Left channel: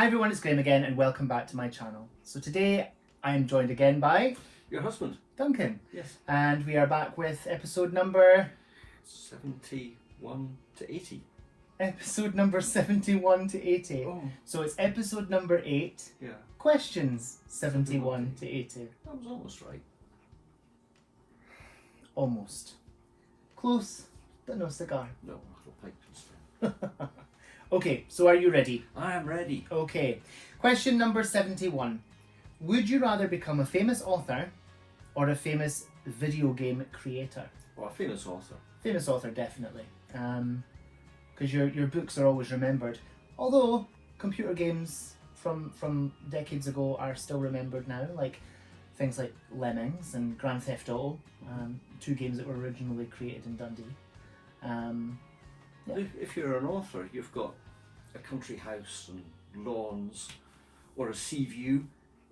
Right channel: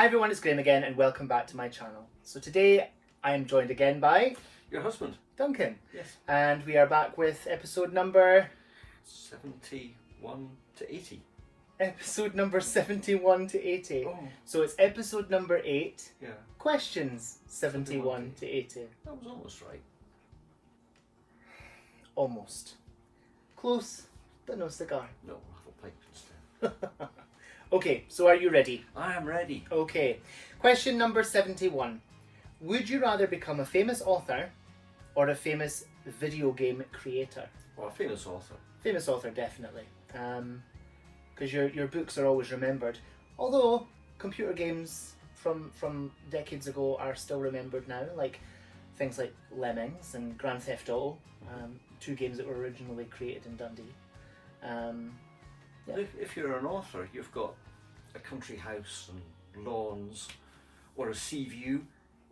Hi everyone, it's Graham again and welcome back to my channel. So today I am joined again by... Your husband. Duncan. Yes. And we are back with episode number... 71 to 80. Episode number 71 to 80. Oh. So it's episode number 8. Yeah. Questions 71 to 80. That was almost right. Almost. Close, but no cigar. No, I'll pipe instead. Okay, so are you ready? I am ready. Okay. Question number 71. Would you rather become a famous author or a famous video game creator? Well, a famous author. Famous author, definitely. Because your books are always remembered. Although computer games from decades ago are still remembered now, like things like Lemmings and Grand Theft Auto, two games that were originally created in Dundee. Yeah. If you're an author, you've got a country house and lawns or a sea view.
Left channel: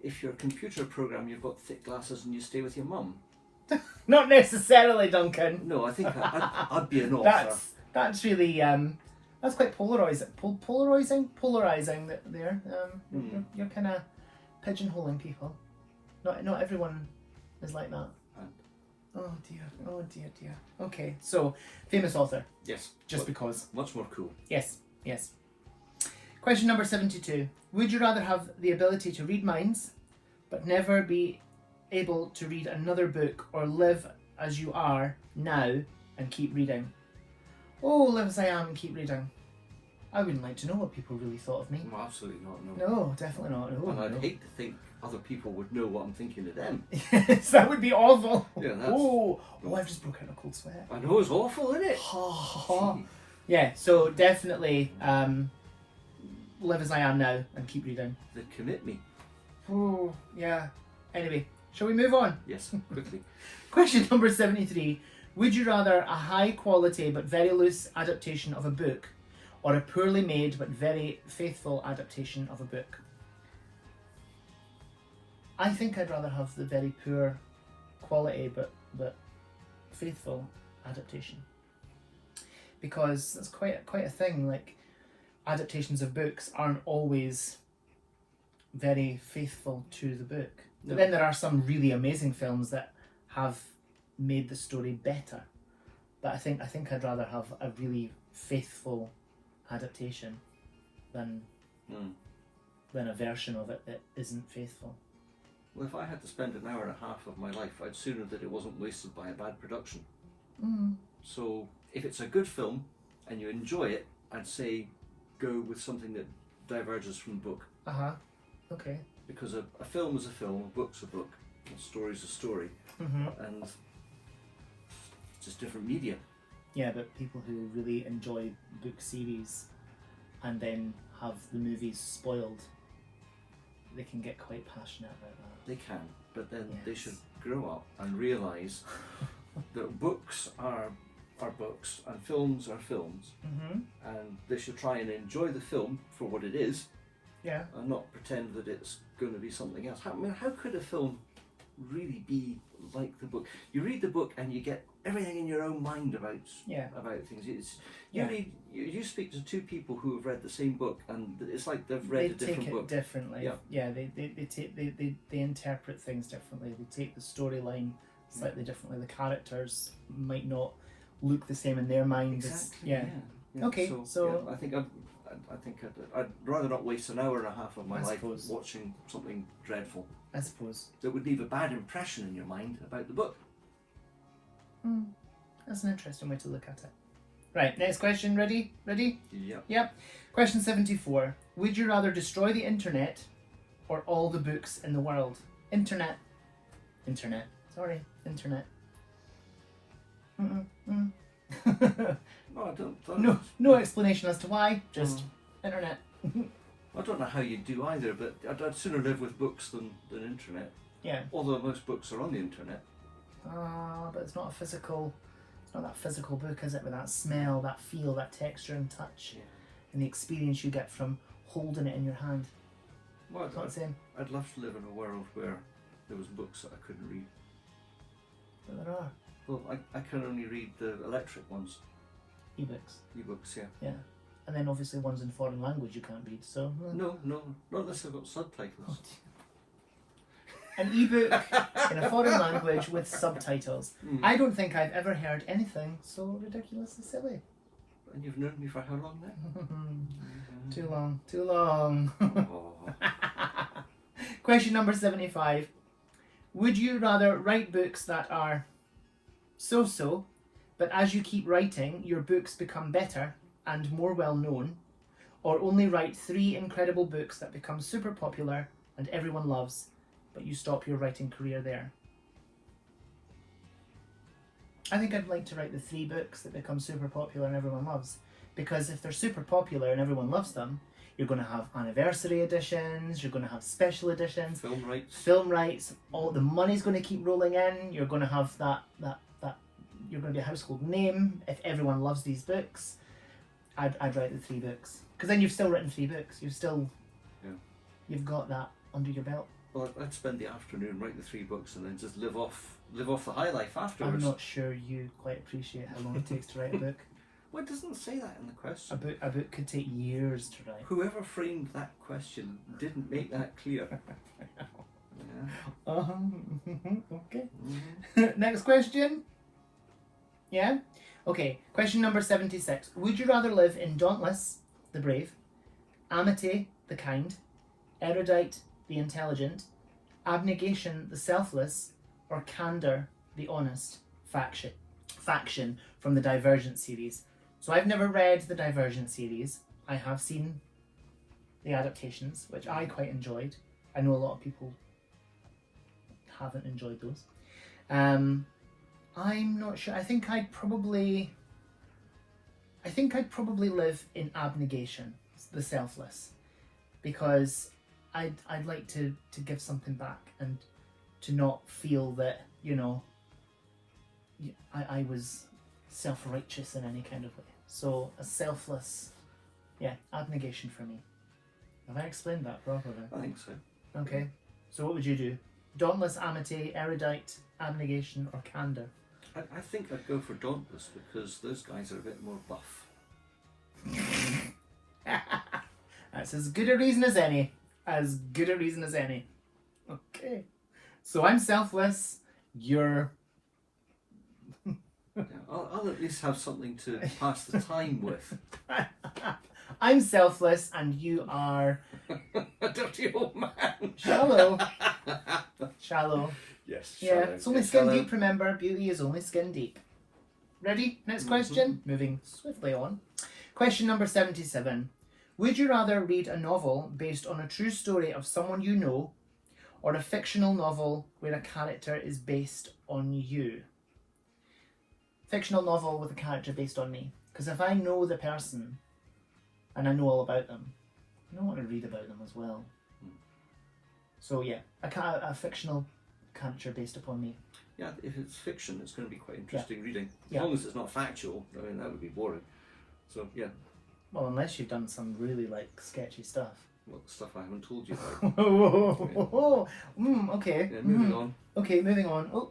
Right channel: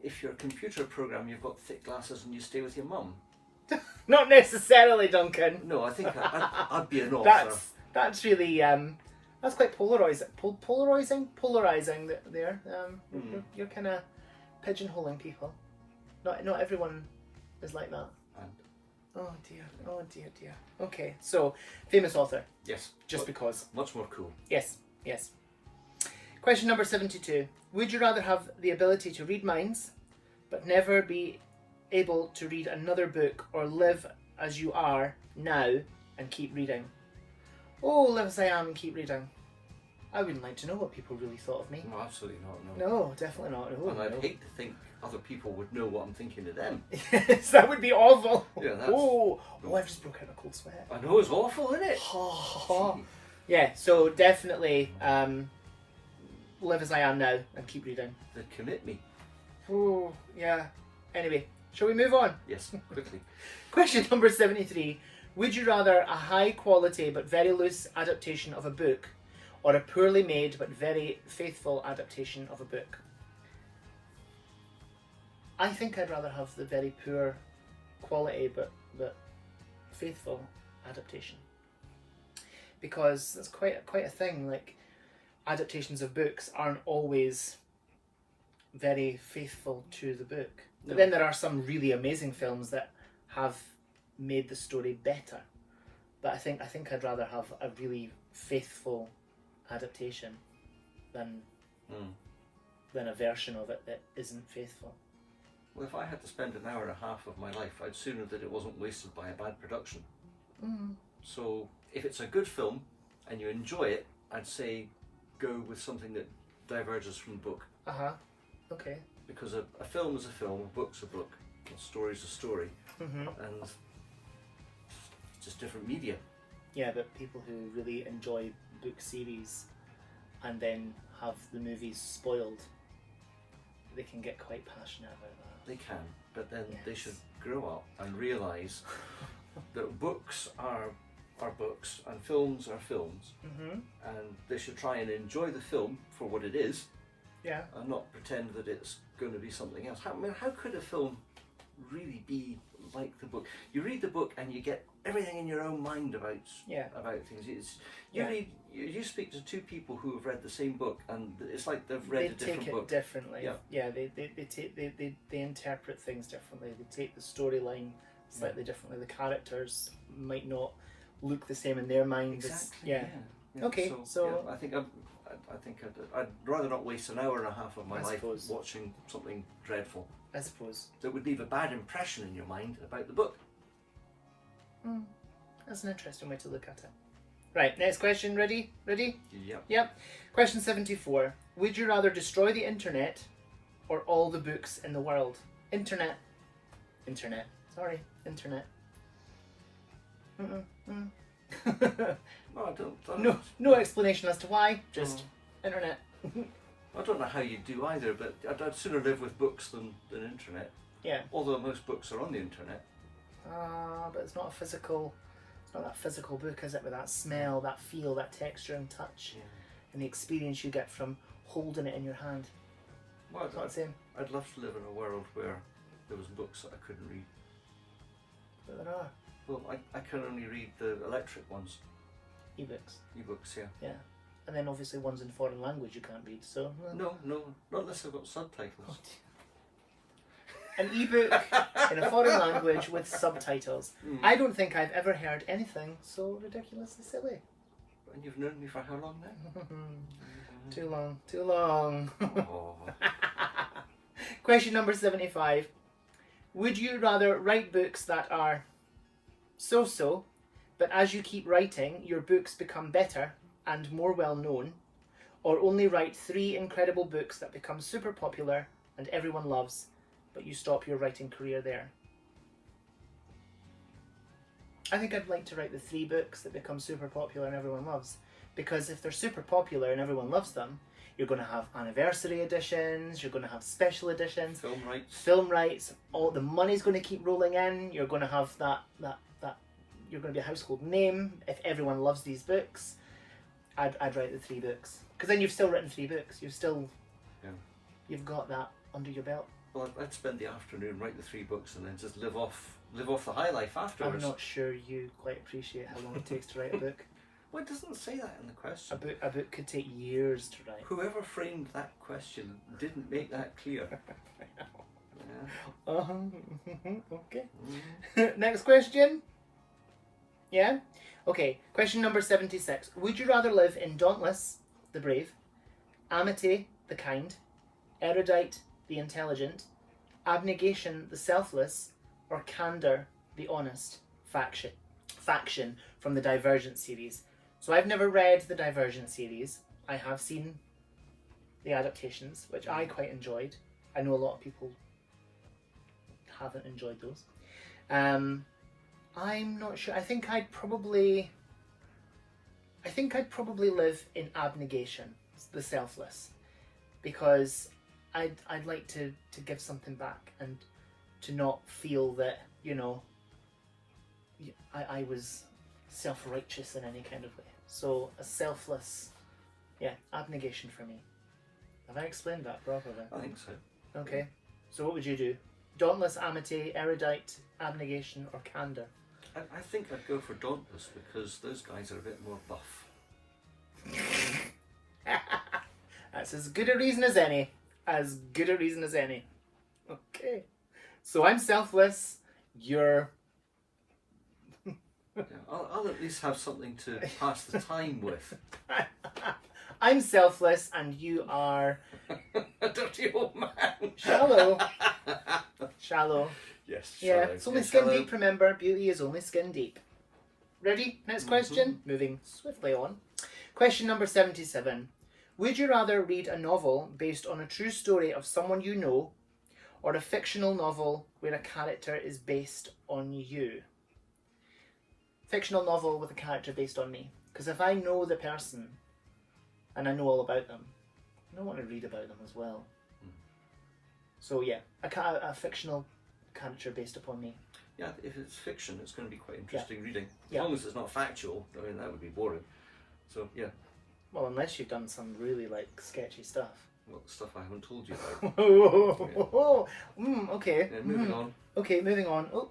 If you're a computer program, you've got thick glasses and you stay with your mum. Not necessarily, Duncan. No, I think I'd be an author. That's really that's quite polarizing. Polarizing there. You're kind of pigeonholing people. Not everyone is like that. Oh dear. Okay, so famous author. Yes. Just because. Much more cool. Yes. Question number 72. Would you rather have the ability to read minds, but never be able to read another book, or live as you are now and keep reading? Oh, live as I am and keep reading. I wouldn't like to know what people really thought of me. No, absolutely not. No. No, definitely not. No, and I'd hate to think other people would know what I'm thinking of them. Yes, that would be awful. Yeah, that's... Oh, I've just broke out a cold sweat. I know, it's awful, isn't it? Yeah, so definitely live as I am now and keep reading. They'd commit me. Oh, yeah. Anyway, shall we move on? Yes, quickly. Question number 73. Would you rather a high quality but very loose adaptation of a book, or a poorly made but very faithful adaptation of a book? I think I'd rather have the very poor quality but faithful adaptation, because that's quite a thing. Like, adaptations of books aren't always very faithful to the book. But then there are some really amazing films that have made the story better. But I think I'd rather have a really faithful adaptation than a version of it that isn't faithful. Well, if I had to spend an hour and a half of my life, I'd sooner that it wasn't wasted by a bad production. So if it's a good film and you enjoy it, I'd say go with something that diverges from the book. Okay. Because a film is a film, a book's a book, a story's a story, and it's just different media. Yeah, but people who really enjoy book series and then have the movies spoiled, they can get quite passionate about that. They can, but then they should grow up and realise that books are books and films are films, and they should try and enjoy the film for what it is, and not pretend that it's going to be something else. How could a film really be like the book? You read the book and you get everything in your own mind about things. You speak to two people who have read the same book, and it's like they've read a different book. They take it differently. They interpret things differently. They take the storyline slightly differently. The characters might not look the same in their mind. Exactly. Yeah. Okay. So I think I'd rather not waste an hour and a half of my life watching something dreadful. I suppose that would leave a bad impression in your mind about the book. That's an interesting way to look at it. Right, next question. Ready? Yep. Question 74. Would you rather destroy the internet or all the books in the world? Internet. Sorry, internet. No, I don't. No explanation as to why. Just internet. I don't know how you do either, but I'd sooner live with books than internet. Yeah. Although most books are on the internet. But it's not that physical book, is it? With that smell, that feel, that texture and touch, and the experience you get from holding it in your hand. Well, it's not the same. I'd love to live in a world where there was books that I couldn't read. But there are. Well, I can only read the electric ones. E-books. E-books, yeah. Yeah. And then obviously ones in foreign language you can't read, so... No, not unless I've got subtitles. An ebook in a foreign language with subtitles. I don't think I've ever heard anything so ridiculously silly. And you've known me for how long now? Too long, too long. Oh. Question number 75. Would you rather write books that are so-so, but as you keep writing, your books become better and more well known, or only write 3 incredible books that become super popular and everyone loves, but you stop your writing career there? I think I'd like to write the 3 books that become super popular and everyone loves, because if they're super popular and everyone loves them, you're going to have anniversary editions, you're going to have special editions, film rights, all the money's going to keep rolling in, you're going to have that you're going to be a household name if everyone loves these books. I'd write the 3 books, because then you've still written 3 books. You've got that under your belt. Well, I'd spend the afternoon, write the 3 books, and then just live off the high life afterwards. I'm not sure you quite appreciate how long it takes to write a book. Well, it doesn't say that in the question. A book could take years to write. Whoever framed that question didn't make that clear. Yeah. Okay. Next question. Yeah? Okay, question number 76. Would you rather live in Dauntless, the brave, Amity, the kind, Erudite, the intelligent, Abnegation, the selfless, or Candor, the honest faction from the Divergent series? So I've never read the Divergent series. I have seen the adaptations, which I quite enjoyed. I know a lot of people haven't enjoyed those. I'm not sure. I think I'd probably live in Abnegation, the selfless, because I'd like to give something back and to not feel that, you know, I was self-righteous in any kind of way. So a selfless, abnegation for me. Have I explained that properly? I think so. Okay. So what would you do? Dauntless, Amity, Erudite, Abnegation, or Candor? I think I'd go for Dauntless, because those guys are a bit more buff. That's as good a reason as any. As good a reason as any. Okay. So I'm selfless. You're... I'll at least have something to pass the time with. I'm selfless and you are... a dirty old man. Shallow. Shallow. Yes. Yeah, shallow. it's only Yes, skin shallow. deep, remember. Beauty is only skin deep. Ready? Next question. Moving swiftly on. Question number 77. Would you rather read a novel based on a true story of someone you know, or a fictional novel where a character is based on you? Fictional novel with a character based on me. Because if I know the person and I know all about them, I don't want to read about them as well. So yeah, a fictional character based upon me. Yeah, if it's fiction, it's going to be quite interesting reading. As Yeah. long as it's not factual, I mean, that would be boring. So, yeah. Well, unless you've done some really, like, sketchy stuff. Well, stuff I haven't told you about. Okay. Yeah, moving on. Okay, moving on. Oh,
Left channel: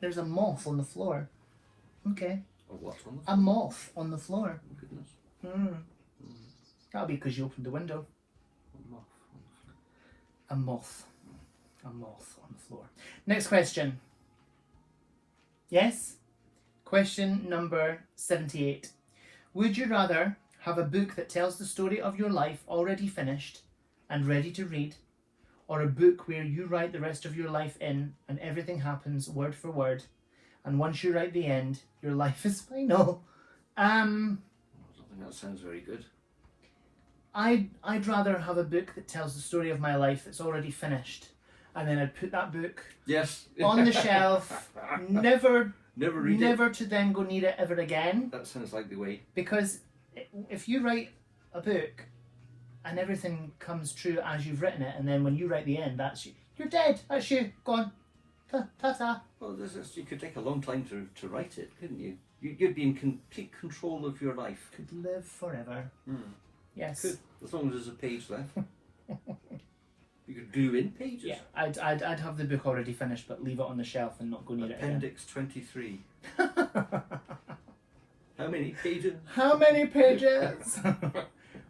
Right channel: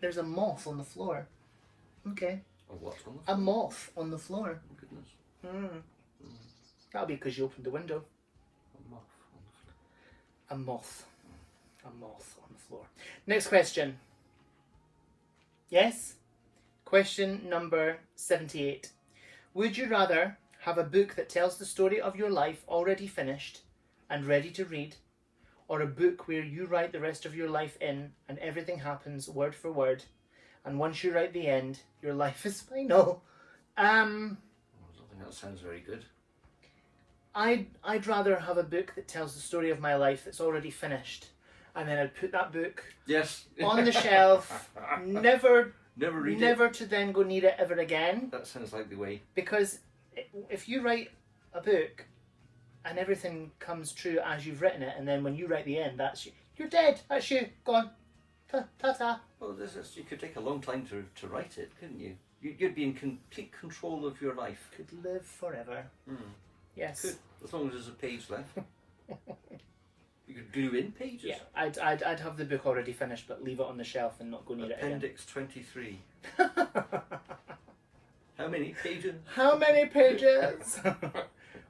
there's a moth on the floor. Okay. Oh, what's on the A moth on the floor. Oh, goodness. That'll be because you opened the window. A moth. A moth. A moth on the floor. Next question. Yes? Question number 78. Would you rather have a book that tells the story of your life already finished and ready to read, or a book where you write the rest of your life in and everything happens word for word, and once you write the end, your life is final? I don't think that sounds very good. I'd rather have a book that tells the story of my life that's already finished, and then I'd put that book on the shelf, never read it. to then go near it ever again. That sounds like the way. Because if you write a book and everything comes true as you've written it, and then when you write the end, that's you. You're dead. That's you. Gone. Ta-ta. Well, you could take a long time to write it, couldn't you? You'd be in complete control of your life. Could live forever. Yes. Could, as long as there's a page left. You could glue in pages. Yeah, I'd have the book already finished, but leave it on the shelf and not go near it again. Appendix 23. How How many pages? How many pages?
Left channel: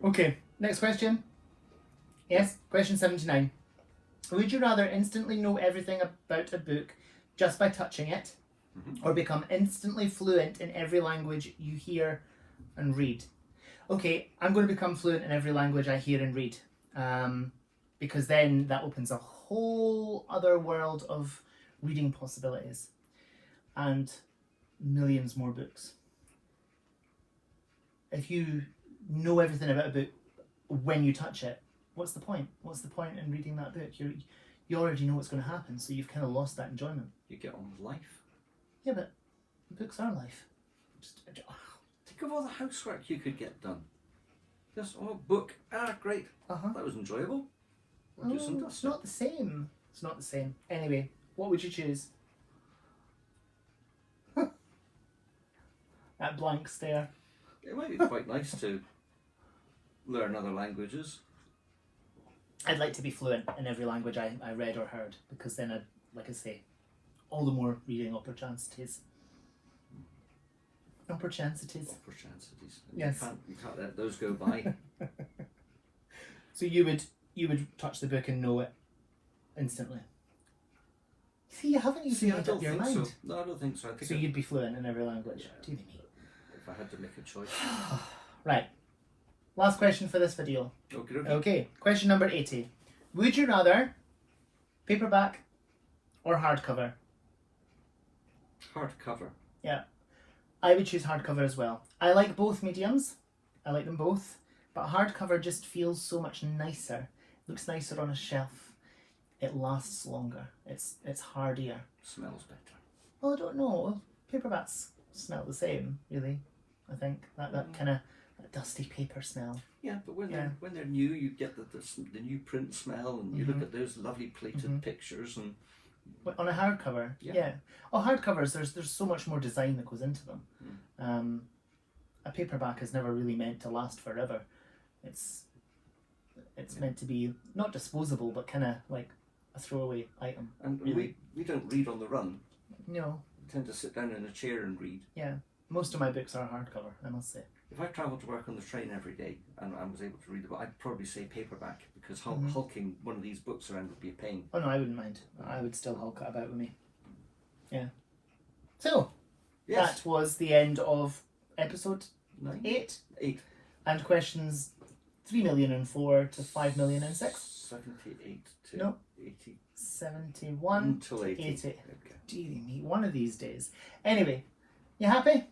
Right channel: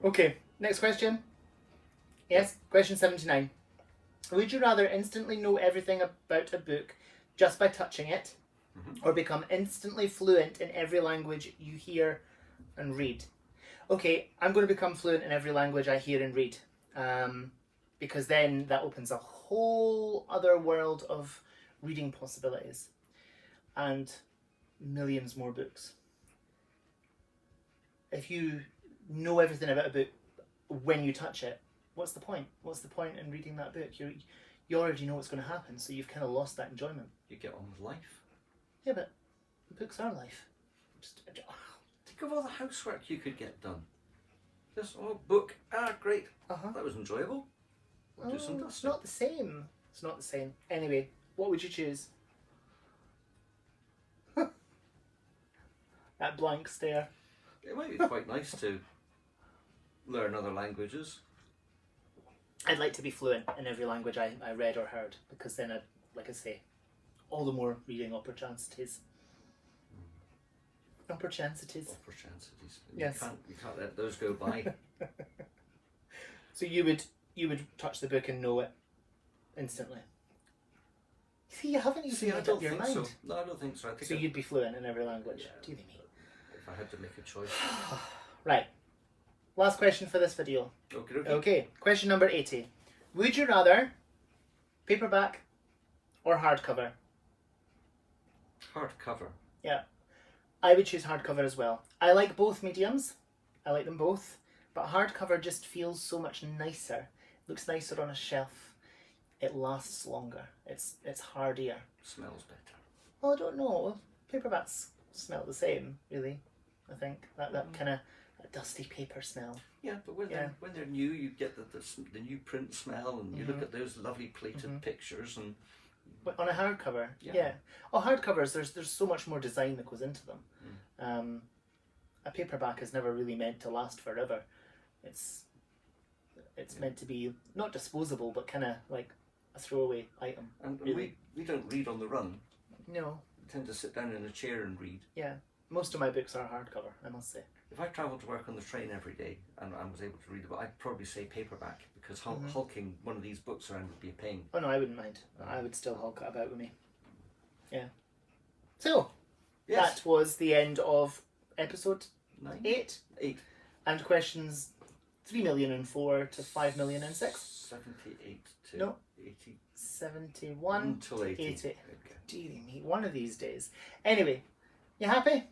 Okay, next question. Yes, question 79. Would you rather instantly know everything about a book just by touching it, or become instantly fluent in every language you hear and read? Okay, I'm going to become fluent in every language I hear and read, because then that opens a whole other world of reading possibilities and millions more books. If you know everything about a book when you touch it, what's the point? What's the point in reading that book? You already know what's going to happen, so you've kind of lost that enjoyment. You get on with life. Yeah, but books are life. Think of all the housework you could get done. Just, book. Great. That was enjoyable. We'll do some dusting. It's not the same. It's not the same. Anyway, what would you choose? That blank stare. It might be quite nice to learn other languages. I'd like to be fluent in every language I read or heard, because then I'd, like I say, all the more reading opportunities. Opportunities. Yes. You can't let those go by. So you would touch the book and know it instantly. See, you haven't even made up your mind. So. No, I don't think so. So you'd be fluent in every language. Yeah. Do you mean? If I had to make a choice. Right. Last question for this video. Okay. Question number 80. Would you rather paperback or hardcover? Hardcover. Yeah. I would choose hardcover as well. I like both mediums. I like them both. But hardcover just feels so much nicer. It looks nicer on a shelf. It lasts longer. It's hardier. Smells better. Well, I don't know. Paperbacks smell the same, really. I think that kind of dusty paper smell. Yeah, but when they're new, you get the new print smell, and you look at those lovely plated pictures and. On a hardcover, yeah. Oh, hardcovers. There's so much more design that goes into them. A paperback is never really meant to last forever. It's meant to be not disposable, but kind of like a throwaway item. And really. we don't read on the run. No. We tend to sit down in a chair and read. Yeah, most of my books are hardcover, I must say. If I travelled to work on the train every day and I was able to read the book, I'd probably say paperback, because hulking one of these books around would be a pain. Oh no, I wouldn't mind. I would still hulk it about with me. Yeah. So, that was the end of episode 8. And questions 3,004,000 to 5,006,000. 78 to no. 80. 71 to 80. Okay. Dearie me, one of these days. Anyway, you happy?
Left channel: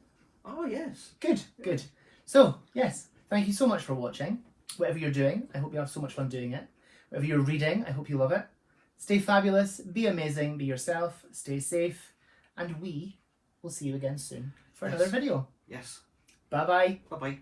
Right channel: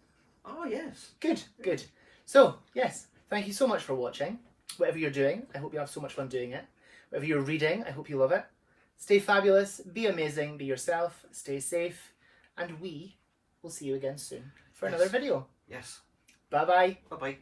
Oh, yes. Good. So, yes, thank you so much for watching. Whatever you're doing, I hope you have so much fun doing it. Whatever you're reading, I hope you love it. Stay fabulous, be amazing, be yourself, stay safe, and we will see you again soon for another video. Yes. Bye-bye. Bye-bye.